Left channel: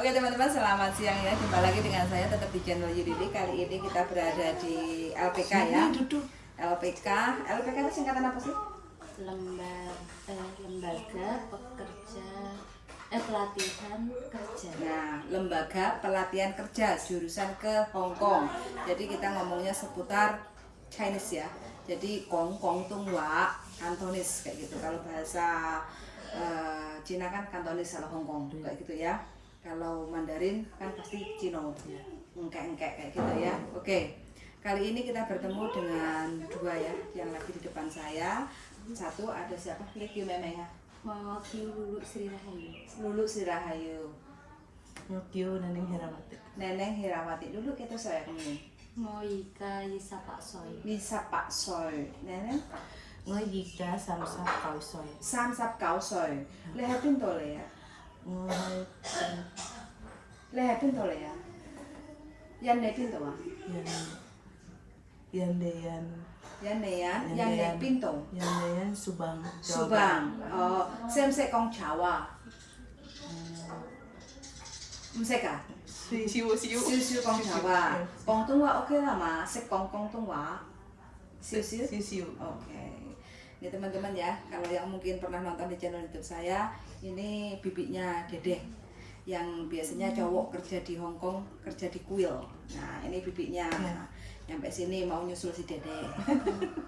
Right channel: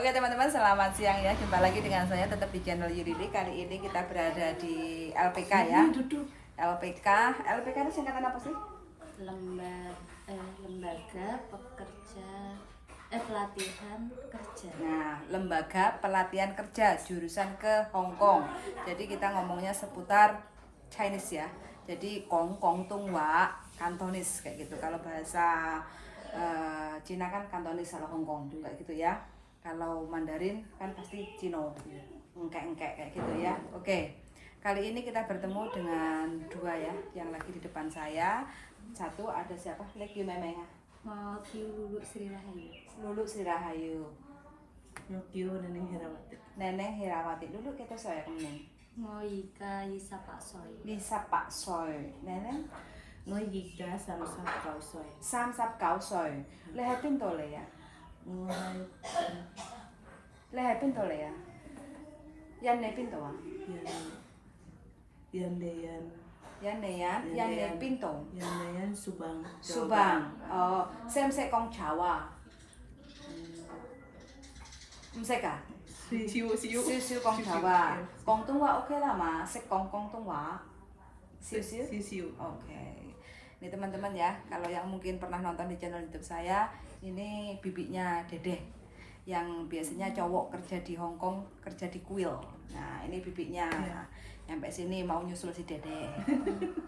Oke teman-teman, selamat siang ya. Jumpa lagi dengan saya tetap di channel Yudili. Kali ini kita berada di LPK ya. LPK itu singkatan apa sih? Lembaga Pekerja Pelatihan Kerja. Nah, Lembaga Pelatihan Kerja jurusan ke Hong Kong. Jadi kita ngomongnya seputar Chinese ya. Jadi Kong Kong Tung Wa Kantonis kayak gitu. Kalau bahasa Cina kan Kantonis, kalau Hong Kong kayak gitu ya. Kalau Mandarin kan pasti Cino, engkek-engkek kayak gitu ya. Oke, kali ini kita bertemu dengan dua ya, yang lagi di depan saya. Satu ada siapa? Lekyu Memeng. Mau Lulu Sri Rahayu. Lulu Sri Rahayu. Nokio Neneng Herawati. Neneng Herawati. Lulu kita saya kemana? Mau Ika Yisa Pak Soy. Bisa Pak Soy. Neneng Ngoi Gida Samsa Kausoi. Sam Sap Kau Soy. Lehatin tole ya. Ngoi Lehatin tole ya. Yan ne pinto ah. Yandeyan Yan ne pinto. Yandeyan Subang. Subang. Oh, sem se kong Jawa. Ka? Siu Siu kong Jawa. Kong Tung Wa oke lah mas. Se kong Tung Wa. Siu. Oke. Ini teman-teman ya, kalau yang mungkin pernah nonton di channel YouTube saya, ini bibiknya Dedeh yang biasanya cowok kerja di Hong Kong, kerja di kuil. Nah, ini bibiknya. Sampai sini mau nyusul si Dedeh.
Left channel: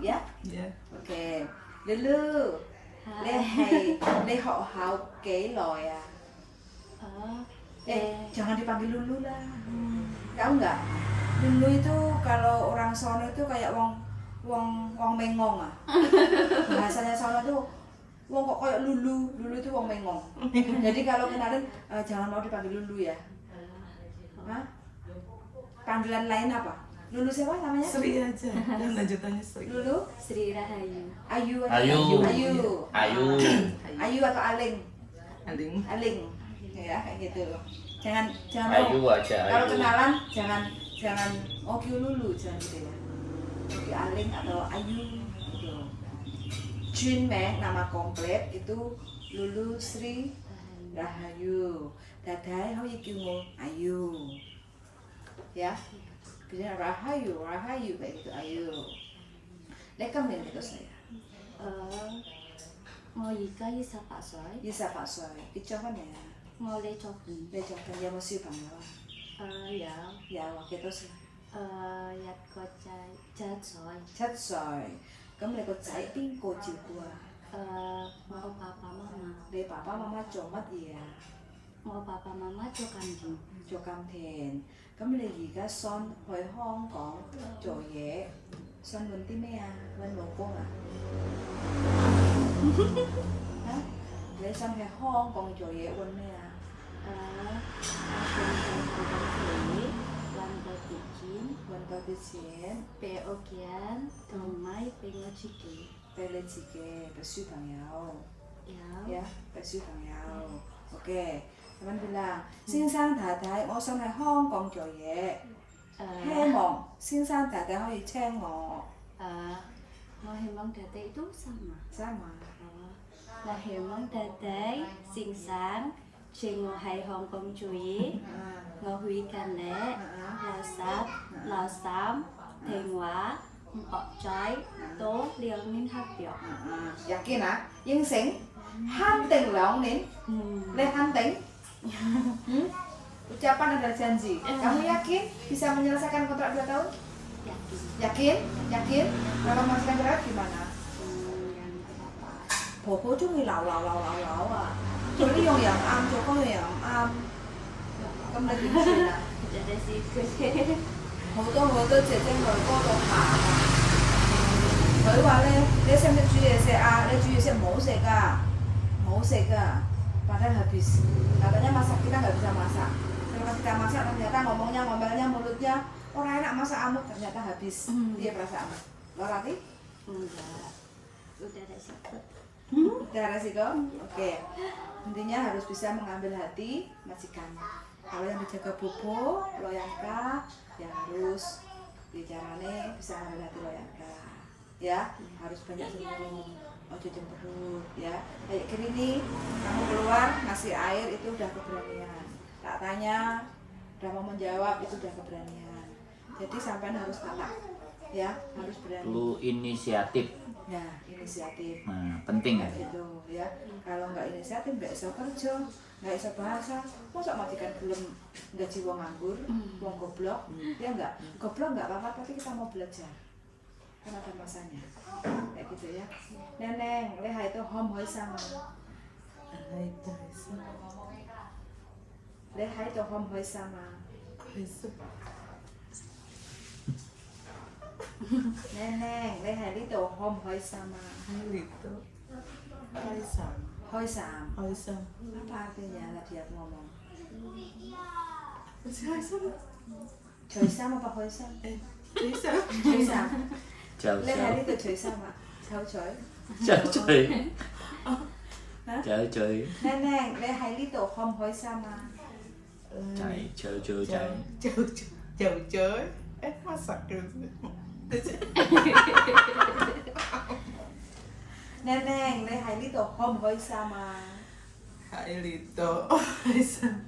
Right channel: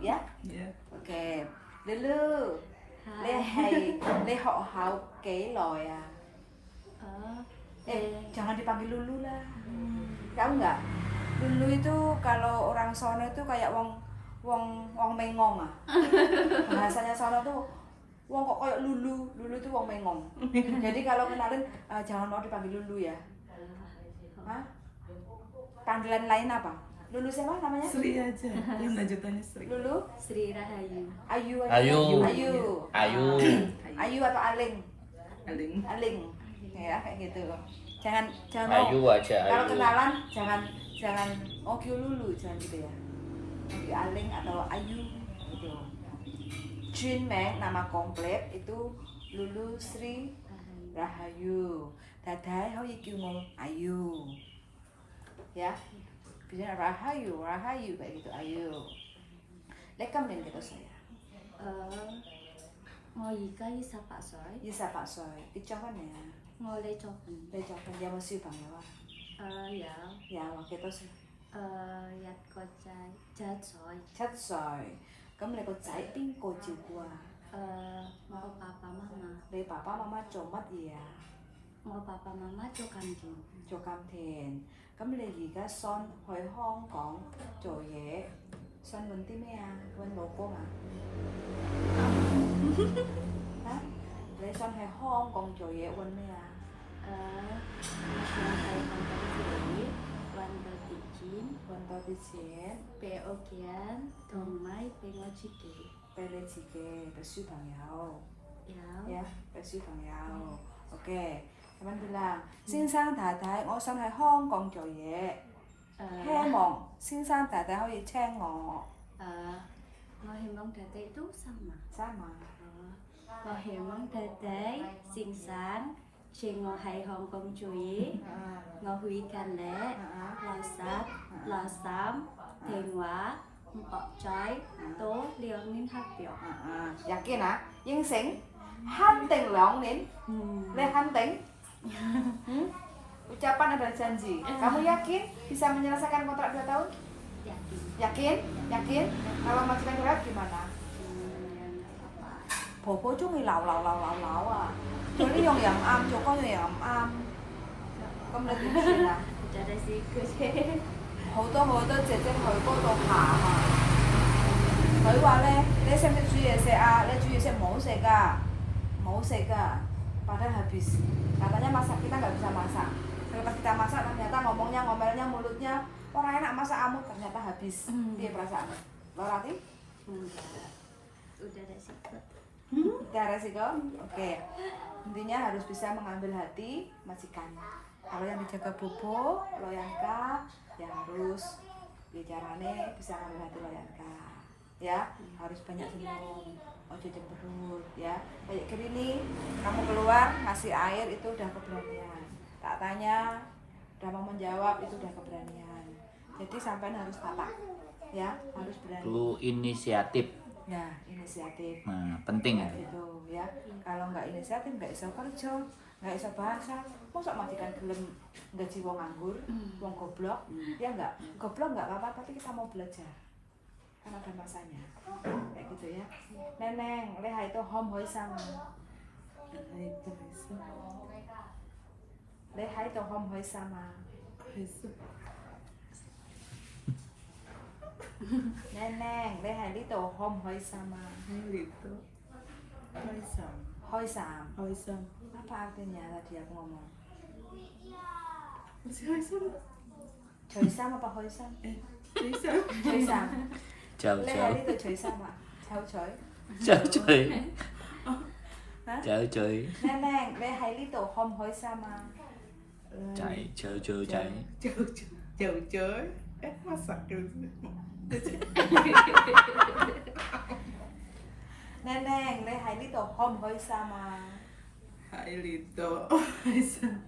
Ya? Ya. Oke. Lulu. Le ho hao ke lo ya. Jangan dipanggil Lulu lah. Tahu nggak? Lulu itu kalau orang sono itu kayak wong mengong ah. Bahasanya sono itu wong kok kayak Lulu itu wong mengong. Jadi kalau kenalin jangan mau dipanggil Lulu ya. Hah? Panggilan lain apa? Lulu siapa namanya? Sri aja. Dan lanjutannya Sri. Lulu? Sri Rahayu. Ayu. Ayu atau Aling? Aling. Ya kayak gitu. Jangan Ayu aja. Kalau Ayu. kenalan jangan Oki Lulu, jangan gitu ya. Oki Aling atau Ayu gitu. Jun Meng nama komplit itu Lulu Sri Rahayu. Dadai hau ikimu Ayu. Ya. Bisa Rahayu kayak gitu Ayu. Lekam nih gitu saya. Mau Ika Yisa Pak Soy. Bisa Pak Soy. Icawan ya. Mau Le Chokun. Lecokan dia mesti bangga. Ya. Ya, waktu itu sih. Yat Kocai Jat Soy. Chất rồi. Cấm lại có trái tim cô chịu qua. Mau Papa Mama. Đây papa mama cho mất gì à? Mau Papa Mama cho kanjing. Cho cam thèn. Cấm lại gì cả son hồi Hong Kong cho dễ. Son quên tí mẹ à? Quên bố con à? Hả? Lấy son hồi Hong Kong cho dễ quên mẹ à? Lantai Hongkong Chui. Lantai Tijin. Quên bao tí chén. Peokian. Tomai Pengochiki. Đây lên chị kê. Bà sư thằng nhau. Ya. Ya, bà sư thằng nhau. Ok. Teman bilang, 先生太太，我想喺香港做嘢，希望先生太太可以請我。 Mau Hemong Dede itu sama. Sama. Mau Hemong Dede, Sing Sang, Ching Ngo Hai Hong Kong Chui, Ngo Hui Kan Le, Lao Sap, Lao Sam, Theng Hóa, Mpok Choi, Tố Liang Ninh Hap Biok. Yakin ah? Ying Sing, hunting 2 年, le hunting. Ucapan adalah janji. Kamu yakin bisa menyelesaikan kontrak 2 tahun? Yakin. Yakin? Kalau masih berat gimana? Ya nggak apa-apa. Bobo chung lao à. Cho nó dùng yầm âm, cho con yầm âm. Cấm lên tiếng gì à? Jadi sih gue. 好多姐姐去嗰度行啊！佢話咧，你識唔識煮嘢食啊？你煮嘢食冇食㗎，冇食㗎。Padahal habis. Katanya masak kita nggak bisa masak. Setelah kita masak ternyata ngomelnya mulutnya orang enak masak kamu ternyata habis. Dia perasaan. Lo Rati? Enggak. Udah resiko. Udah resiko? Oke. Intinya harus bisa mengambil hati majikan. Kalau yang dijaga bobo, loyanka, yang harus bicarane bisa mengambil hati loyanka. Ya, harus banyak senyum. Ojo cemberut ya. Kayak gini nih, kamu keluar ngasih air itu udah keberanian. tak tanya udah mau menjawab itu udah keberanian. Jadi sampean harus kata ya, harus berani. Perlu inisiatif. Ya, inisiatif. Nah, penting kan? Gitu ya. Kalau nggak inisiatif nggak iso kerja, nggak iso bahasa. Masa majikan gelem gaji wong nganggur, wong goblok, ya enggak. Goblok nggak apa-apa tapi kita mau belajar. Kan ada masanya. Kayak gitu ya. Neneng, leha itu hom hoi sama. Hai Teresa. Leha itu hom hoi sama. Teresa. Neneng, leha itu hom hoi sama. Hai Lito. Hai Sam. Hoi sam. Hai Sam. Apa artinya tadi aku ngomong? Hai Sam. Joy sam apa hoi sam? Teresa. Joy sam. Jauh Leha jauh. itu joy sama. Jauh joy. Jauh coy. Hah? Jauh coy. Neneng, leha itu hom hoi sama. Cai, jauh jauh cai. Jauh coy. Masak gitu. Neneng, leha itu hom hoi sama. Hai Lito. Hai Sam.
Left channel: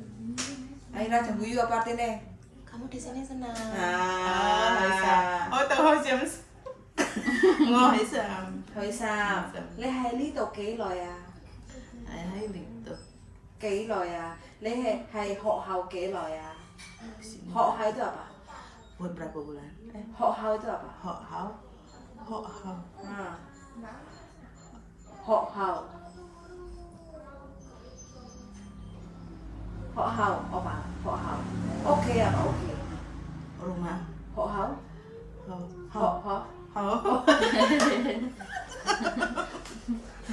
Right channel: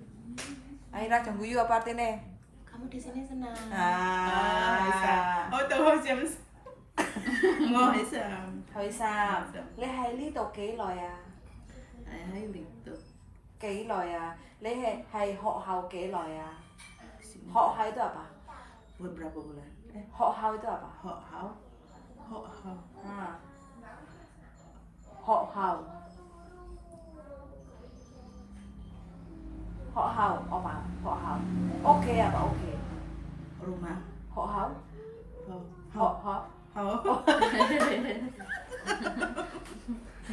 Akhirnya jangan guyu apa artinya? Kamu di sini senang. Hai Sam. Oh tahu Hai Sam. Hai Sam. Hoi sam. Leha itu kỹ rồi à? Hai Lito. Kỹ rồi à? Leha hay họ hao kỹ rồi à? Họ hao itu apa? Buat berapa bulan? Họ hao itu apa? Ho hao. Ho hao. Nah. Họ hao. Họ hao apa? Họ hao. Oke apa oke? Rumah. Họ hao. Ho Họ hao. hao. Hao.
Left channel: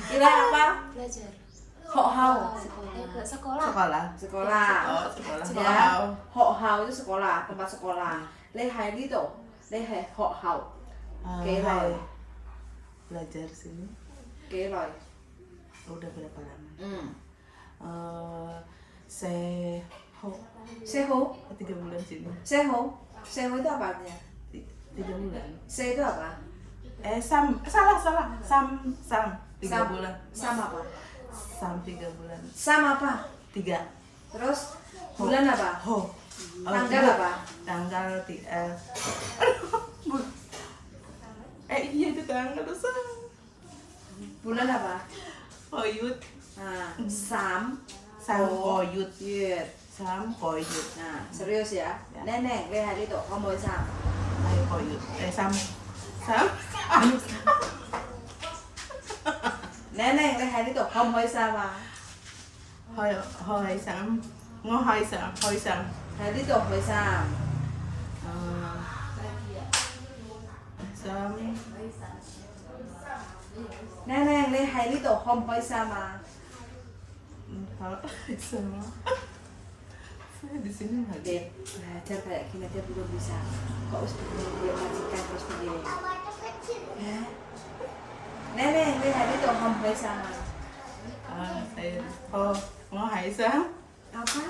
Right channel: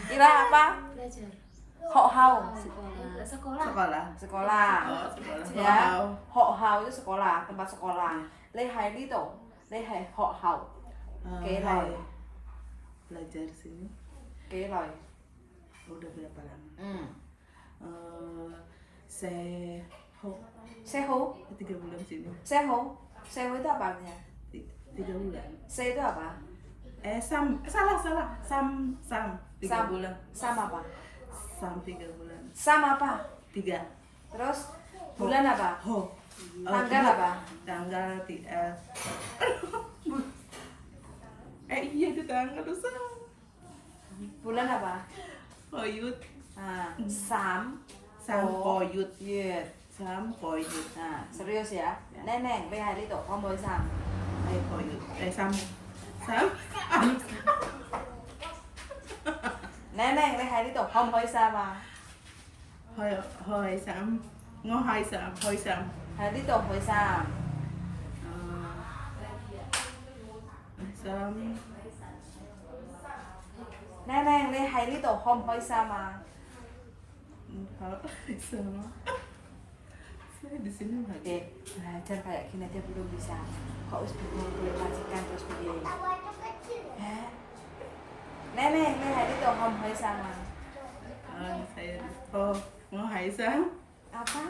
Kira apa? Belajar. Họ hao. Sekolah. Sekolah. Sekolah. Sekolah. Oh, sekolah. Ya. Hao. Họ hao itu sekolah, tempat sekolah. Lehai itu, lehai họ hao. Kỹ rồi. Hai. Belajar sini. Kỹ rồi. Udah berapa lama? Se ho Sehu, 3 bulan sini. sehu, sehu itu apa artinya? 3 bulan. Se itu apa? Sam salah Sam 3 Sam. bulan. Sam apa? Sam 3 bulan. Sam apa? 3. Terus bulan apa? Ho. Tanggal apa? Tanggal iya itu tanggal tuh Sam. Bulan apa? Koyut. Nah, Sam, Sam koyut. Yut. Sam koyut. Nah, serius ya. Neneng, lihat itu, kamu Sam. Ayo koyut. Sam. Sam. Neneng, lihat itu, kamu sama. Hoi Sam. Hoi Sam. Hoi Sam. Lihat itu, hoi Sam. Sam. Neneng, lihat itu, kamu sama. Sama. Saya di sini nggak Oke, belajar kayak gini aja belum bisa. Kok harus boleh majikan terus begini? Ya. Neneng, lihat itu, kamu sama. Saya Hai Sam. Apa?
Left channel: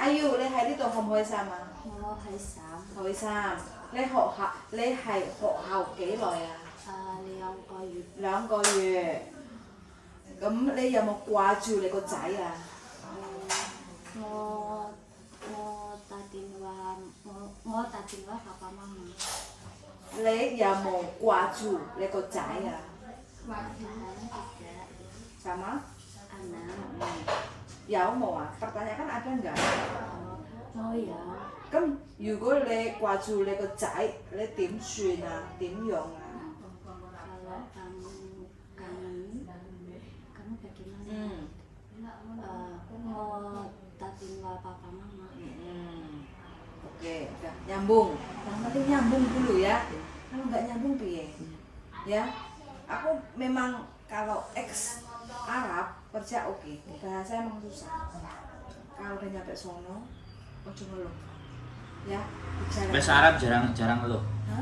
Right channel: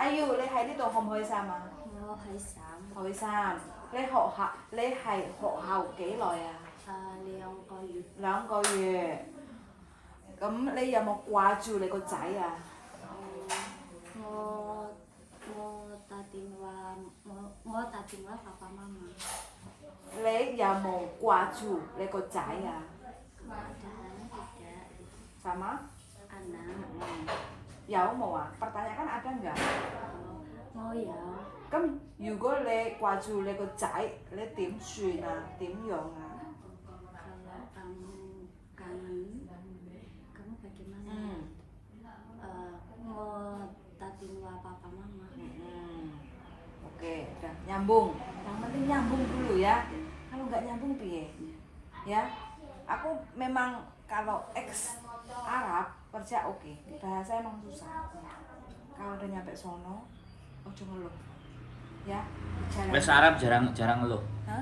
Ayo, lihat itu, kamu sama. Ngô Hải Sạm. Hoi Sam, lấy hai hộ hầu kỹ rồi à? Leon coi duyệt. 2個月。咁你有冇掛住你個仔啊？ Ngô ta tin qua ngô ta tin qua papa mama. 你有冇掛住你個仔啊 Ada tidak ？Sama? anak. Ya mau à? Pertanyaan kan ada enggak? Ngô ya. 咁如果你掛住你個仔，你點算啊？點用啊？ Kalau kamu kangen, kamu bagaimana? Ngô ta tin qua papa mama. Oke, udah nyambung. Yang penting nyambung dulu ya. Kalau nggak nyambung piye? Ya, aku memang kalau ex Arab kerja oke, bahasa emang susah. Kalau udah nyampe sono, ojo ngeluh. Ya, bicara. Bahasa Arab jarang loh. Hah?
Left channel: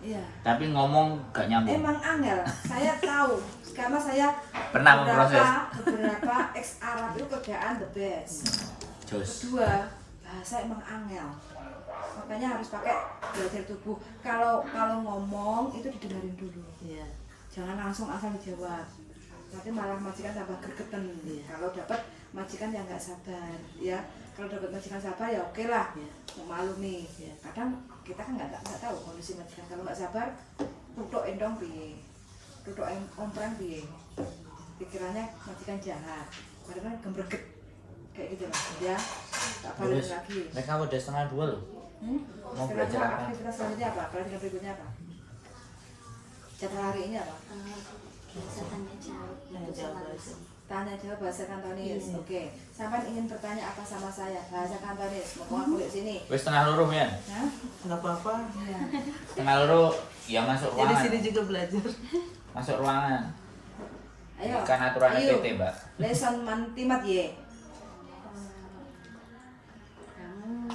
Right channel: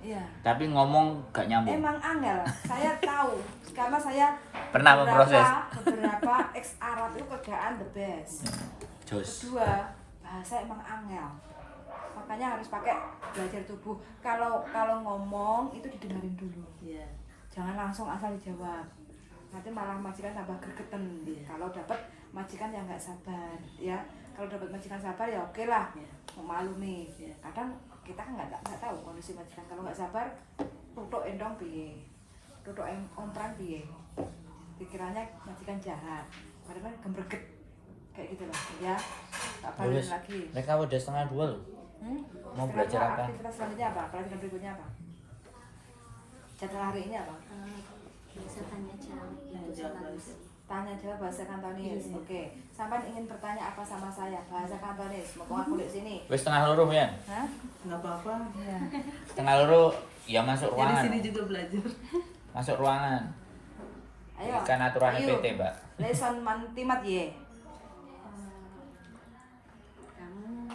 Iya. Tapi ngomong gak nyambung. Emang angel, saya tahu karena saya Pernah memproses. beberapa ex Arab itu kerjaan the best. Jos. Kedua, bahasa emang angel. Makanya harus pakai belajar tubuh. Kalau ngomong itu didengarin dulu. Iya. Jangan langsung asal dijawab. Nanti malah majikan tambah gregetan. Kalau dapat majikan yang nggak sabar ya. Kalau dapat majikan sabar ya oke lah, maklumi. Kadang kita kan nggak tahu kondisi majikan. Kalau nggak sabar, tutuk endong piye, tutuk omprang piye. Pikirannya majikan jahat, padahal gembreget kayak gitu lah ya. Tak balik lagi. Mereka udah 1:30 loh. Mau belajar Sekarang apa? aktivitas selanjutnya apa? Pelajaran berikutnya apa? Jadwal hari ini apa? Biasa tanya jawab itu selalu. Tanya jawab bahasa Kantonis. Iya. Oke. Sampai ingin bertanya apa sama saya? Bahasa Kantonis. Mau aku lihat sini. Wes setengah loro ya. Hah? Nggak apa-apa. Ya. Setengah loro ya masuk Jadi ruangan. sini juga belajar. Masuk ruangan. Ayo. Kan aturannya Ayo. PT, Mbak. Lesson mantimat ye. Kamu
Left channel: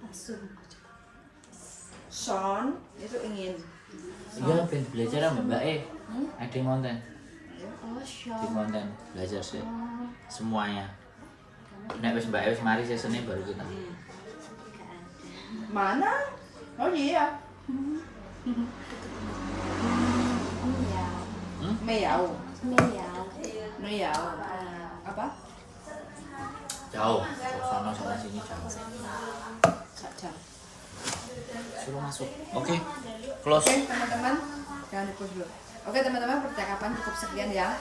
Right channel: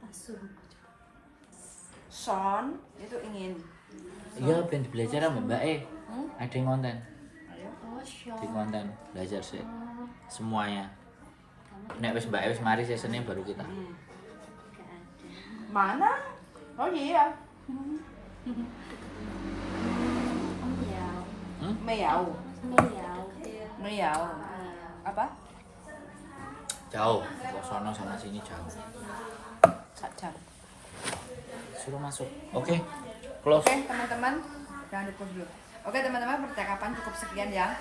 langsung Son itu ingin. Iya, ben belajar sama Mbak E. Ada konten. Ayo. oh Di shock konten belajar sih. oh Semuanya. kamu Nek wis Mbak E wis mari sesene baru kita. gak ada. Mana? Oh iya. Miau Meyau. miau Meyau. Apa? Jauh. Sono sana sini jauh. Sak jam. Suruh masuk. Oke. Close. Oke teman-teman, jangan di dulu. Oke teman-teman, percakapan cukup sekian ya.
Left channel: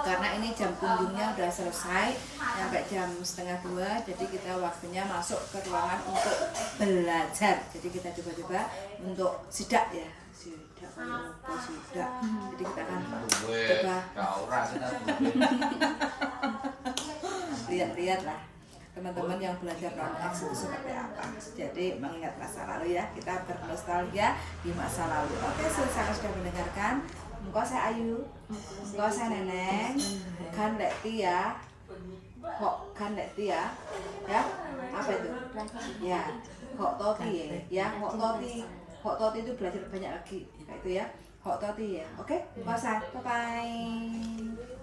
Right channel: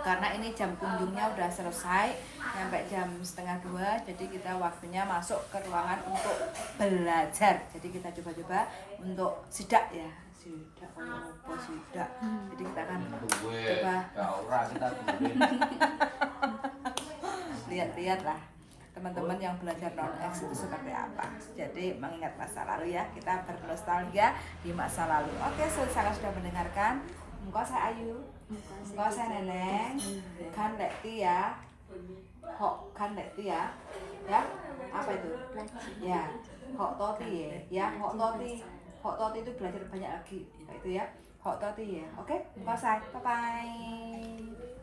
Karena ini jam kunjungnya udah selesai sampai jam 1:30, jadi kita waktunya masuk ke ruangan untuk belajar. Jadi kita coba-coba untuk sidak ya, sidak apa sidak. Jadi kita akan coba lihat-lihat lah teman-teman yang belajar non-X itu seperti apa. Jadi mengingat masa lalu ya, kita bernostalgia di masa lalu. Oke, sangat sudah mendengarkan. Engkau saya Ayu, engkau saya Neneng, kan Lekti ya, Hok kan Lekti ya, apa itu? Ya, Hok Toti ya, Hok Toti itu belajar banyak lagi, kayak itu ya, Hok Toti ya. Oke, engkau saya, bye bye.